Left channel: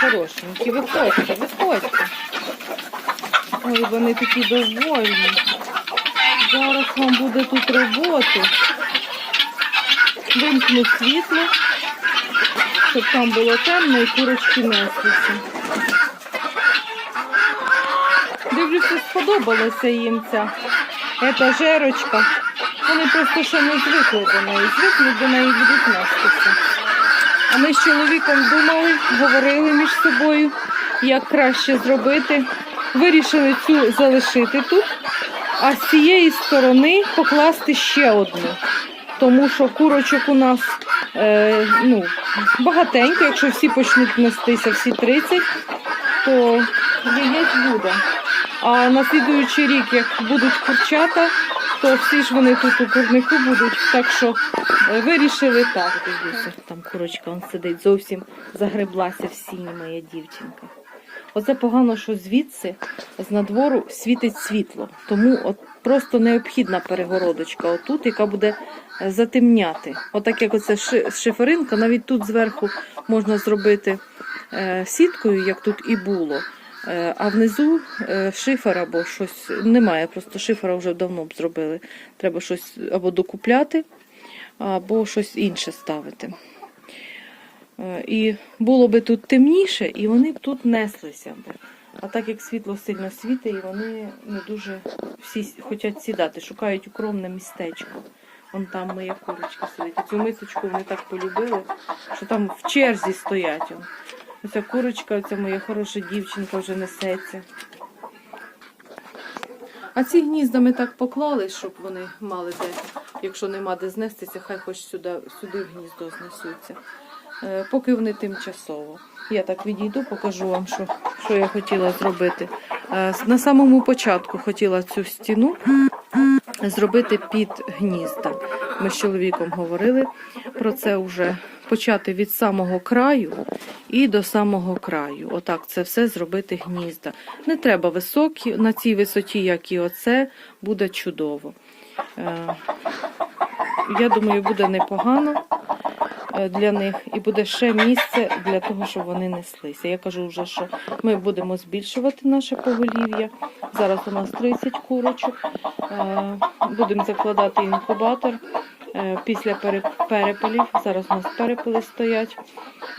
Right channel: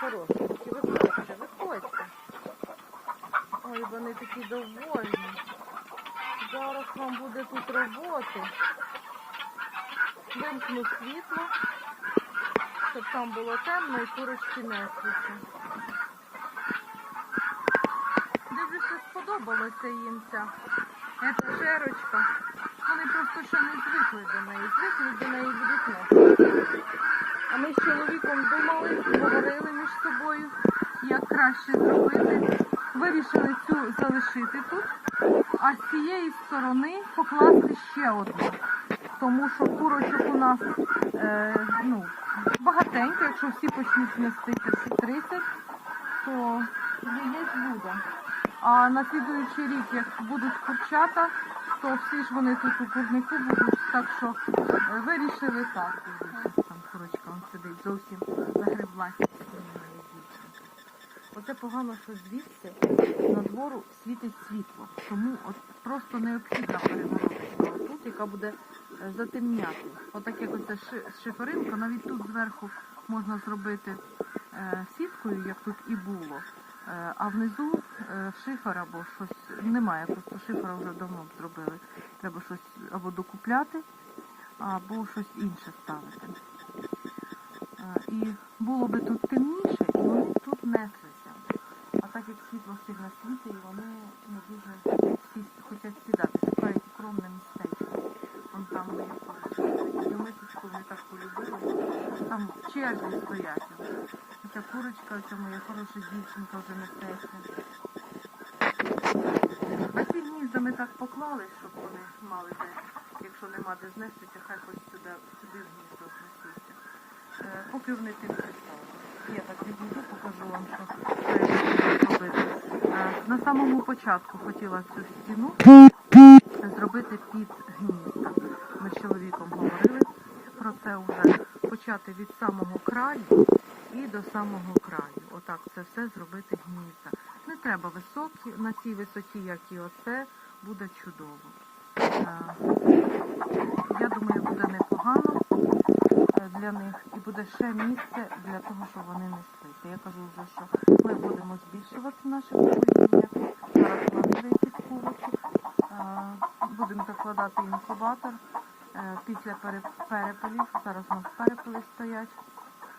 хорошенькі, виходьте, виходьте. Ой, вони такі довольні. Зараз вам буде тут роботи. Вимкну світло, щоб там було темно і курочки неслися. Дивлюся, сподобалася їм ця етажерочка. Вони просто ще не звикли до неї. Звикнуть до неї будуть нестися. А ми з чоловіком думали, говорили між собою, як краще зробити. Вирішили цю залишити тут, а з цієї сторони покласти ще одну. Тому що курочок у нас е, ну, багатенько, якщо всі почнуть нестися, всі 30, то яєць буде. А на слідуючий рік, як будуть курчата, то всі ж вони тут у курнику будуть. Так що е, вирішили так. Дивіться, там курочка он сидить, зовсім загреблася в сіні моя дівчинка. Оце погано, що звідси з надвору світить світло. Тому от просто необхідна перегородочка отут, яка буде е, затемняти. Отак як оце шиферинка, навіть тут зверху можна зробити е, сіткою, як тут і було. Е, А внизу е, шифер або щось немає, просто шифера вже давно б зробили. Треба щось або докупляти, або щось інше ставити. Е, І було би тут темніше, і вони б тут неслися. А так як світло сильно світить, і вони не дуже всі хочуть сідати, шукають укромне містечко. Вон там моя курочка сидить. Цю мисочку вони так полюбили, що там в черзі стоять. Оця курочка, оця моя хороша дівчинка вже несеться. А ці гнізда ми так поклали, щоб вони мали де, якщо нема де знестися, хай хоч сюди, сюди гніздо знесуться. Е, Поки вони тимчасово. Я так відійду, покажу вам, що, що я хотіла зробити. Е, На самому початку хотіла цю стіну зробити під гнізда. Ми з чоловіком говорили про це вже. Почати від самого краю і до самого краю. Отак це все зробити гнізда. Не треба високі, на цій висоті, як і оце, буде чудово. Е, Я думаю, буде непогано е, для них і буде ще місце для того, щоб вони неслися. Я кажу вже, що ми будемо збільшувати наше поголів'я. Зараз у нас 30 курочок. Е, Будемо закладати інкубатор е, після пере- перепелів. Зараз у нас перепели стоять.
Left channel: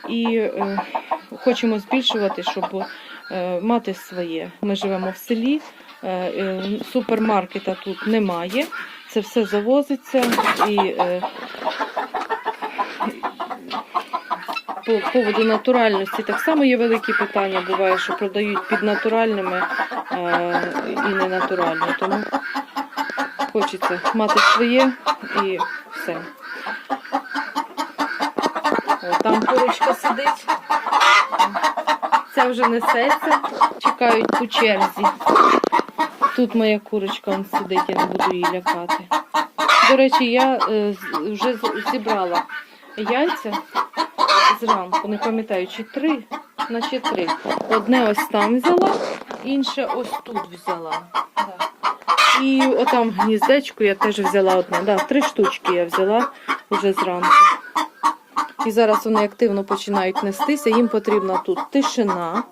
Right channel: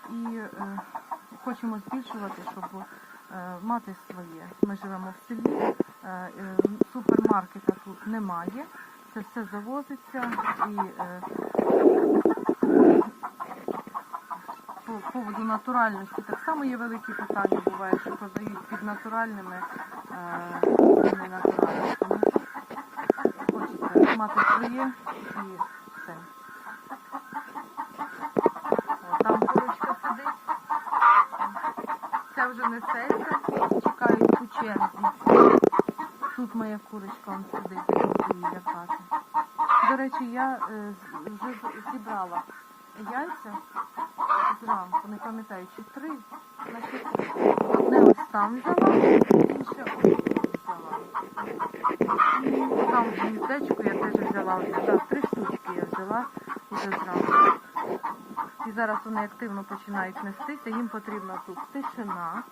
І е, хочемо збільшувати, щоб мати своє. Ми живемо в селі, супермаркета тут немає. Це все завозиться і по поводу натуральності так само є великі питання. Буває, що продають під натуральними і ненатуральні. Тому хочеться мати своє і все. О, там курочка сидить. Ця вже несеться, чекають по черзі. Тут моя курочка он сидить, я не буду її лякати. До речі, я е, вже зібрала яйця зранку, не пам'ятаю, чи три, наче три. Одне ось там взяла, інше ось тут взяла. І отам в гніздечку я теж взяла одне. Да, три штучки я взяла вже зранку. І зараз вони активно починають нестися. Їм потрібна тут тишина,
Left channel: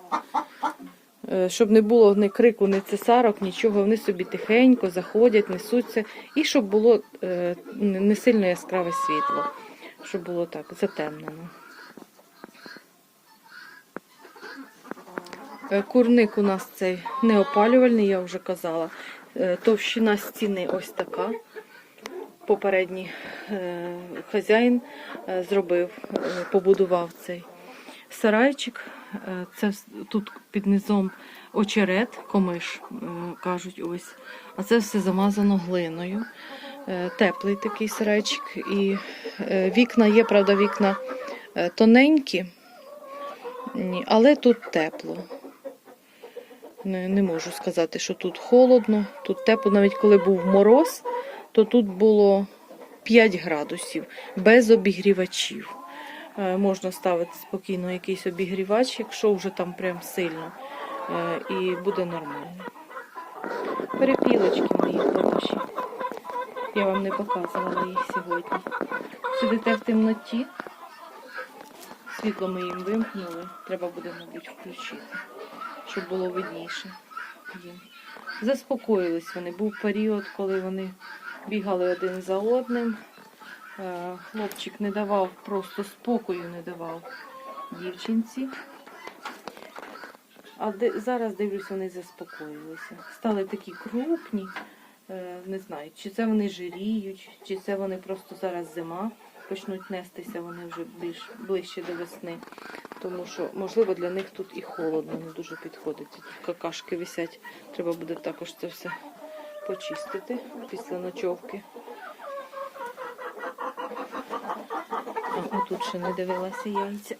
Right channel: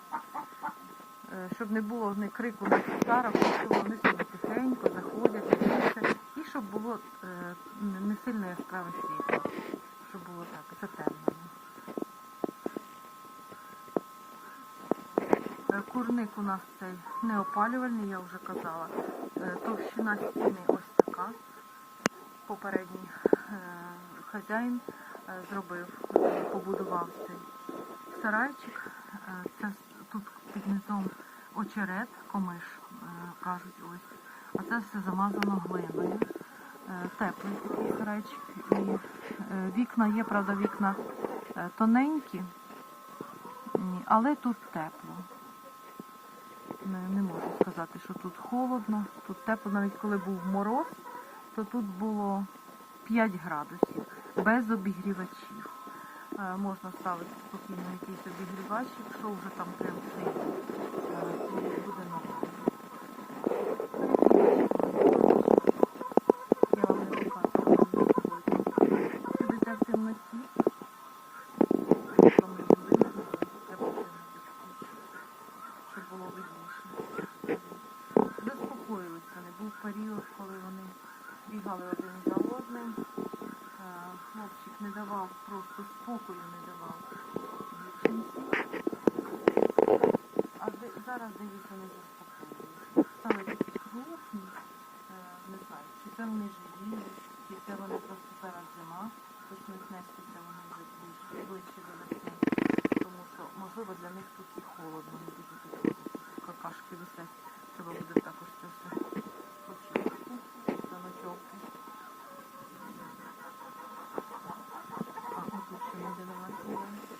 е, щоб не було ні крику, ні цесарок, нічого. Вони собі тихенько заходять, несуться. І щоб було е, не сильно яскраве світло, щоб було так затемнено. Курник у нас цей неопалювальний, я вже казала. Е, Товщина стіни ось така. Попередній е, хазяїн е, зробив, е, побудував цей сарайчик. Е, Це тут під низом очерет, комиш, е, кажуть ось. А це все замазано глиною. Е, Теплий такий сарайчик. І е, вікна є, правда, вікна е, тоненькі, але тут тепло. Не, не можу сказати, що тут холодно, тут тепло, навіть коли був мороз, то тут було 5 градусів без обігрівачів. Е, можна ставити спокійно якийсь обігрівач, якщо вже там прям сильно, е, і буде нормально. Перепілочки мої хороші. Я вам не показувала її сьогодні. Сидите в темноті. Світло ми їм вимкнули. Треба буде, мабуть, включити, щоб було видніше. Заспокоїлись вони. Був період, коли вони бігали один за одним. Е, Хлопчик не давав, просто спокою не давав дівчинці. А де, зараз дивлюсь, вони заспокоїлися. Стали такі крупні. Е, не знаю, чи це вони жиріють, чи це вони просто зараз зима. Почнуть нестися вони вже більш ближче до весни. Тому що, можливо, для них тут і холодно, не дуже підходить. Тут какашки висять. Треба буде також це все почистити після ночовки. А отут ще не дивилася яйця.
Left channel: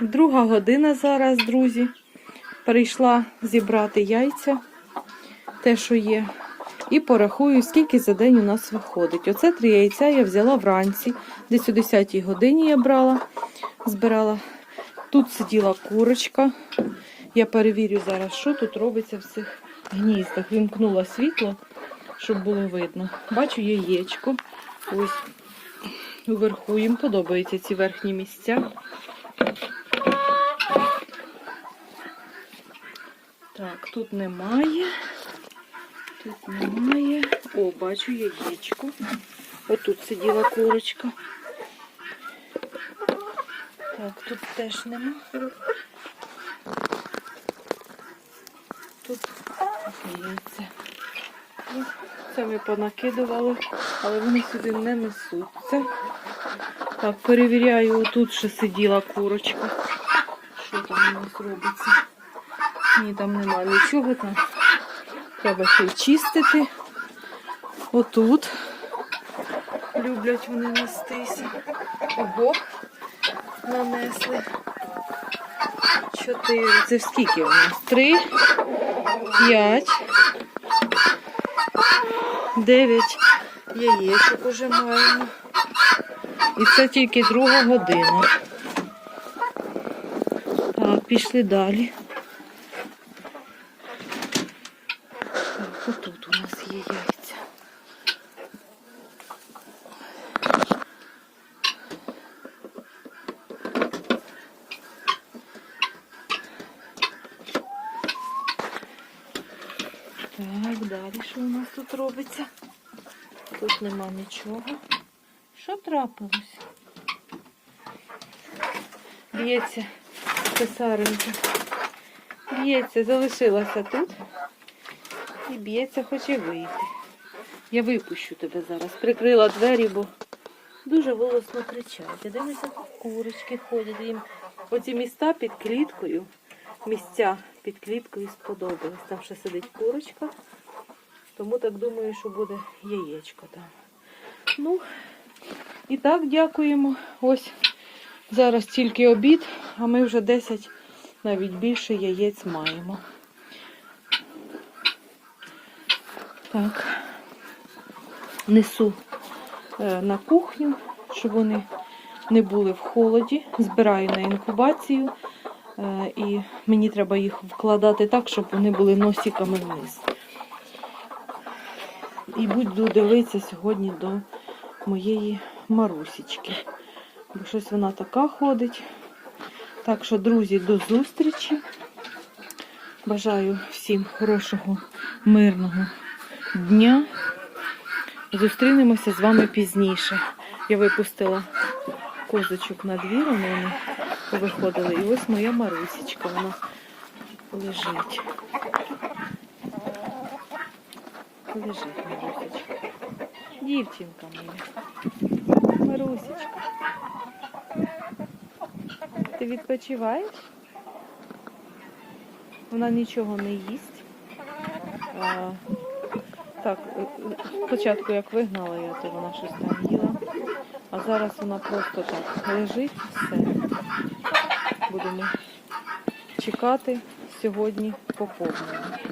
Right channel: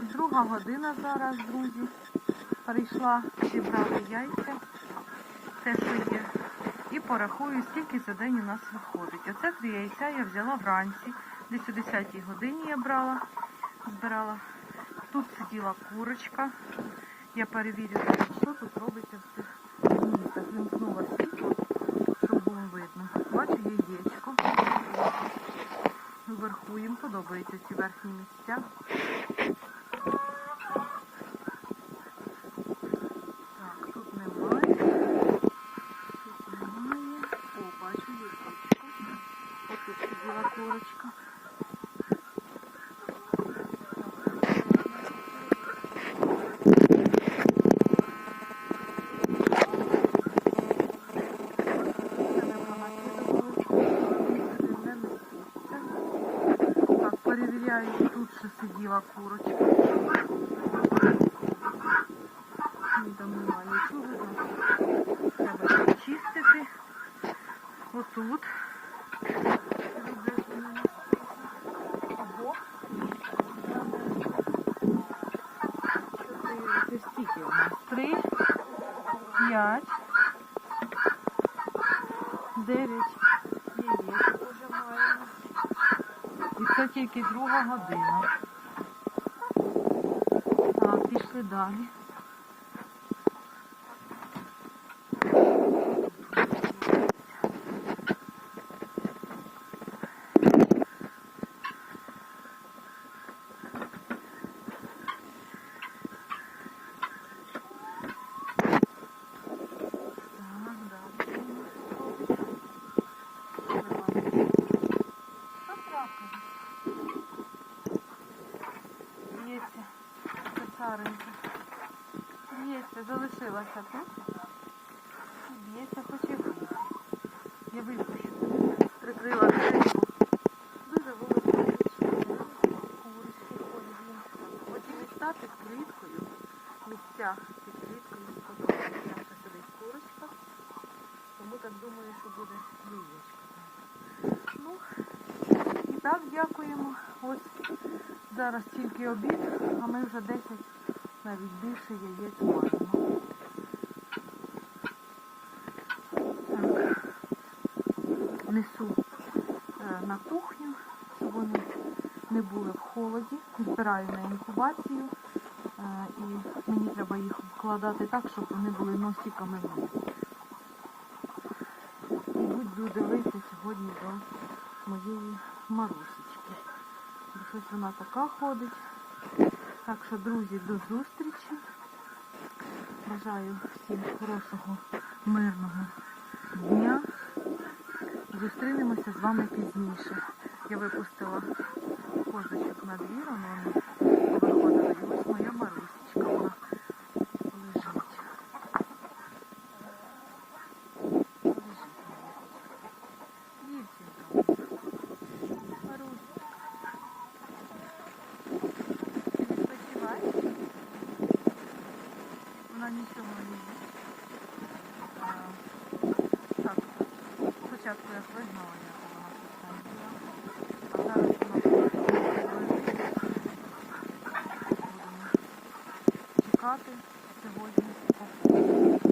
Друга година зараз, друзі. Прийшла зібрати яйця, те, що є. І порахую, скільки за день у нас виходить. Оце три яйця я взяла вранці. Десь о 10 годині я брала, збирала. Тут сиділа курочка. Я перевірю зараз, що тут робиться в цих гніздах. Вімкнула світло, щоб було видно. Бачу яєчко. Ось вверху їм подобаються ці верхні місця. Так, тут немає. Тут немає. О, бачу яєчко. Отут сиділа курочка. Так, тут теж нема. Тут. Це ми понакидували, але вони сюди не несуться. Так, перевіряю, тут ще сиділа курочка. Що там у нас робиться? Ні, там немає нічого там. Треба чистити. Отут. Люблять вони нестися. Ого. Нанесли. Чотири. Це скільки у нас? Три, п'ять, дев'ять яєчок уже маємо. І це тільки друга година. Так, пішли далі. Отут у нас є яйця. Так, далі що у нас тут робиться? Тут нема нічого. Що трапилось? Б'ється писаренька. Б'ється, залишилася тут. І б'ється, хоче вийти. Я випущу тебе зараз. Прикрила двері, бо дуже голосно кричать. Я курочки ходять їм. Оці міста під кліткою, місця під кліткою сподобались. Там ще сидить курочка. Тому так думаю, що буде яєчко там. Ну, і так дякуємо. Ось зараз тільки обід, а ми вже 10, навіть більше яєць маємо. Так. Несу е, на кухню, щоб вони не були в холоді. Збираю на інкубацію. е, І мені треба їх вкладати так, щоб вони були носиками вниз. І буду дивитися сьогодні до моєї Марусічки. Бо щось вона така ходить. Так що, друзі, до зустрічі. Бажаю всім хорошого, мирного дня. Зустрінемося з вами пізніше. Я випустила козочок на двір, вони виходили. І ось моя Марусічка, вона лежить. Лежить Марусечка. Дівчинка моя. Ти відпочиваєш? Вона нічого не їсть. Так, спочатку як вигнала я, то вона щось там їла. А зараз вона просто лежить все. Будемо чекати сьогодні поповнення.